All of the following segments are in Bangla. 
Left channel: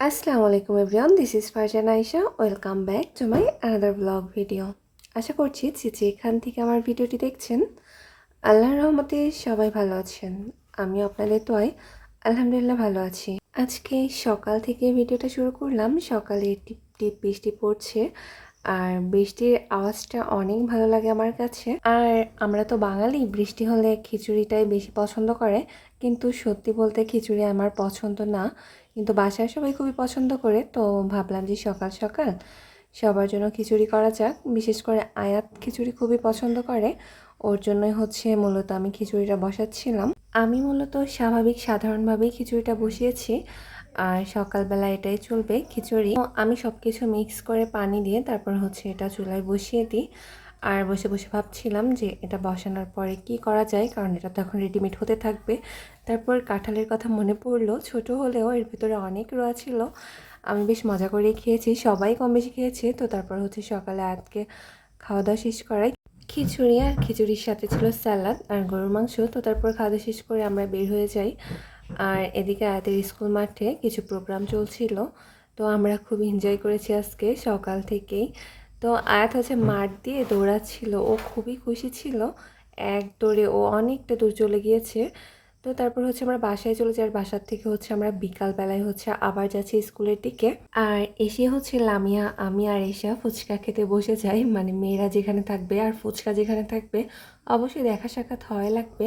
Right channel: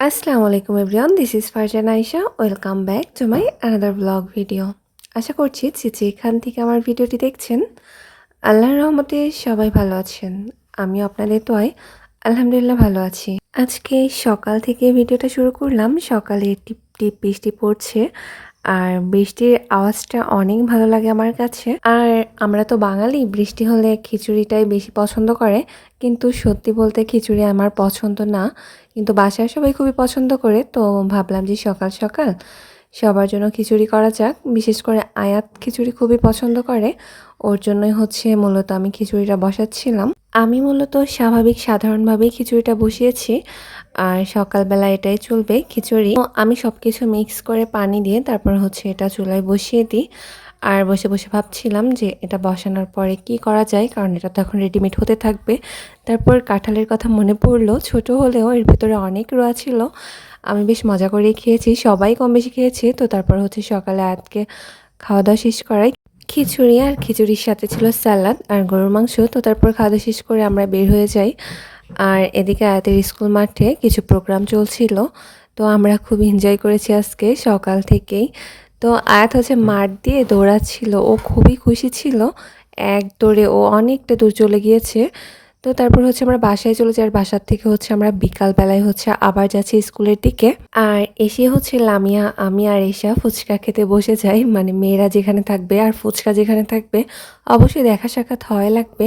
আসসালামু আলাইকুম everyone, this is Farjan Ayesha. Welcome back to my another blog video. আশা করছি যে এখান থেকে আমার ভিডিওটি দেখছেন আল্লাহর রহমতে সবাই ভালো আছেন। আমিও আপনাদের দোয়ায় আলহামদুলিল্লাহ ভালো আছি। আজকে সকাল থেকে ভিডিওটা শুরু করলাম। সকালে টিপ টিপ বৃষ্টি পড়ছে আর বৃষ্টির আওয়াজটা অনেক ভালো লাগে আমার কাছে। আর আমরা তো বাঙালি, বৃষ্টি হলে খিচুড়িটাই বেশি পছন্দ করে, কিন্তু সত্যি বলতে খিচুড়ি আমার পছন্দ না, কিন্তু বাসায় সবাই খুবই পছন্দ করে। তো ভাবলাম যে সকাল সকাল সবার জন্য খিচুড়ি করা যাক। বিশেষ করে আয়াত খিচুড়ি খুবই পছন্দ করে, ওর জন্যই হচ্ছে মূলত আমি খিচুড়িটা বসাচ্ছিলাম। আমি মূলত স্বাভাবিক সাধারণভাবেই খিচুড়িটা বসিয়েছি, আর সকালবেলা এটাই চলবে খিচুড়ি। তো আমি সব কিছু মিক্স করে পানি দিয়ে তারপর হচ্ছে এটা চুলায় বসিয়ে দিই। আর বসে বসে ভাবছিলাম যে এটা বসানোর পরে কি করা যায়, কারণ এটা তো এখন রেডিমেড হতে থাকবে। তারপর কাঁঠালের কথা মনে পড়লো, ছোট হলেও এর ভিতরে অনেক রোয়া ছিল। আমি বেশ মজা করেই খেয়েছি, সবাই কম বেশি খেয়েছি। তো তারপর হচ্ছে সকালে আজকে খাওয়া দাওয়া শেষ করাই খিচুড়ি, আর খিচুড়ির সাথে ছিল স্যালাড আর গরুর মাংস। তো তারপর খাওয়া দাওয়া শেষ করে আমরা বের হয়ে যাই। আর এদিকে আয়াতের স্কুল মাঠে কিছু প্রোগ্রাম চলছিল, তো আমরা খুব এনজয় করেছি আজকে সকাল থেকেই। তো আয়াত হচ্ছে মাঠ দিয়ে দৌড়াচ্ছিল, ও খুবই খুশি ছিল। এক দৌড়ে ও অনেকটা দূর চলে গিয়েছে। তো তারপর হচ্ছে আমরা বাসায় চলে যাই, আর বাসার থেকে হচ্ছে আমরা বিকালবেলায় হচ্ছে আবার যাচ্ছি স্কুলের দিকে। আর এসে হচ্ছে লামিয়া, আমি আর এশা ফুচকা খেতে বসে যাই। মানে মেয়েরা যেখানে থাকবে আর ফুচকা যেখানে থাকবে অবশ্যই দেখা সাক্ষাৎ হয় লাগবে।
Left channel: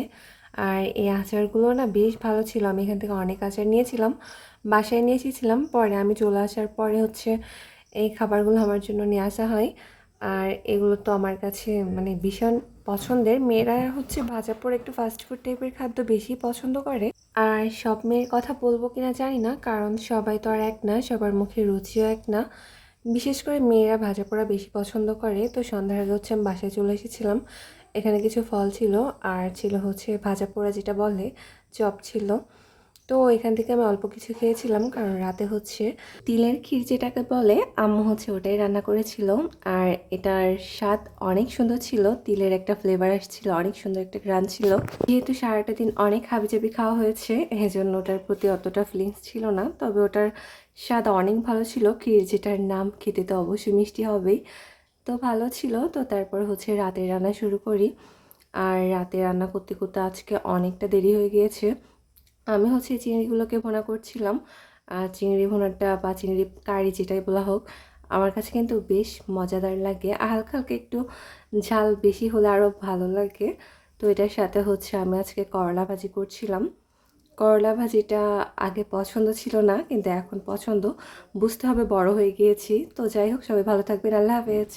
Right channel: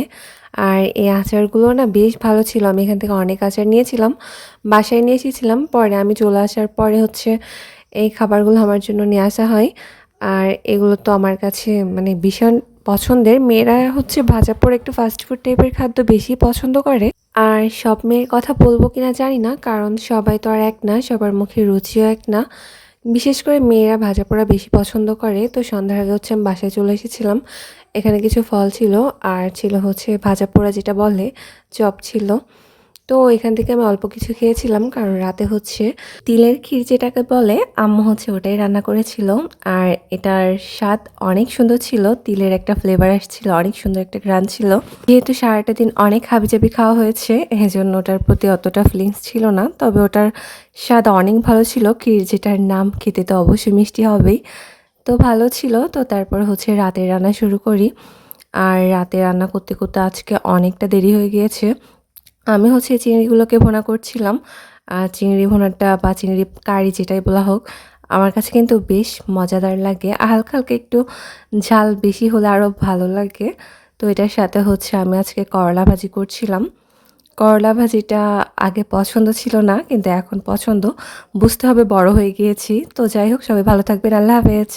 আর এই আচারগুলো না বেশ ভালো ছিল, আমি এখান থেকে অনেক আচার নিয়েছিলাম, বাসায় নিয়ে এসেছিলাম। পরে আমি চলে আসার পরে হচ্ছে এই খাবারগুলো আমার জন্য নিয়ে আসা হয়। আর এগুলো তো আমার কাছে মানে ভীষণ পছন্দের। মেয়েরা হচ্ছে ভাজা পোড়া একটু ফাস্টফুড টাইপের খাদ্য বেশি পছন্দ করে। আর সব মেয়ের কথা বলবো কিনা জানি না, কারণ সবাই তো আর এক না, সবার মুখের রুচিও এক না। বিশেষ করে মেয়েরা ভাজা পোড়া বেশি পছন্দ করে। তো সন্ধ্যার আগে হচ্ছে আমি বাসায় চলে এসেছিলাম। এখানে কিছু ফল ছিল, আর ছিল হচ্ছে ভাজা পোড়া যেটা বলে, চপ ছিল। তো এখান থেকে আমি অল্প কিছু খেয়েছিলাম, কারণ রাতে হচ্ছে তিলের ক্ষীর যেটাকে বলে, আম্মু হচ্ছে ওটাই রান্না করেছিল। আর এটার স্বাদ অনেক সুন্দর ছিল, তিলের একটা ফ্লেভার আসছিল, অনেক সুন্দর একটা ঘ্রাণ ছিল। যেহেতু সারাটা দিন অনেক হাবিজাবি খাওয়া হয়েছে, এজন্য ওটার প্রতি অতটা ফিলিংস ছিল না, তবে ওটার স্বাদ অনেক ভালো ছিল। ক্ষীর যেটার নাম, খেতে তো অবশ্যই মিষ্টি হবেই। তো ভালো ছিল। তো তারপর হচ্ছে রাতের রান্না শুরু করি। আর রাতে রান্না করতে করতে আজকে অনেকটা দেরি হয়ে গিয়েছে। আমি হচ্ছে চিংড়িগুলোকে ভুনা করছিলাম। আর চিংড়ি ভুনাটা বা চিংড়ি কারি যেটাই বলা হোক, আমার কাছে কিন্তু বেশ মজাদার লাগে। আর হালকা হালকা একটু ঝাল বেশি হলে আরও ভালো লাগে। তো এটার সাথে হচ্ছে আমি আজকে করলা ভাজি করছিলাম। করলা ভাজিটা আগে পছন্দ ছিল না, কিন্তু এখন পছন্দ। বুঝতে হবে বড় হয়ে গিয়েছি। তো যাই হোক, সবাই ভালো থাকবেন। আল্লাহ হাফেজ।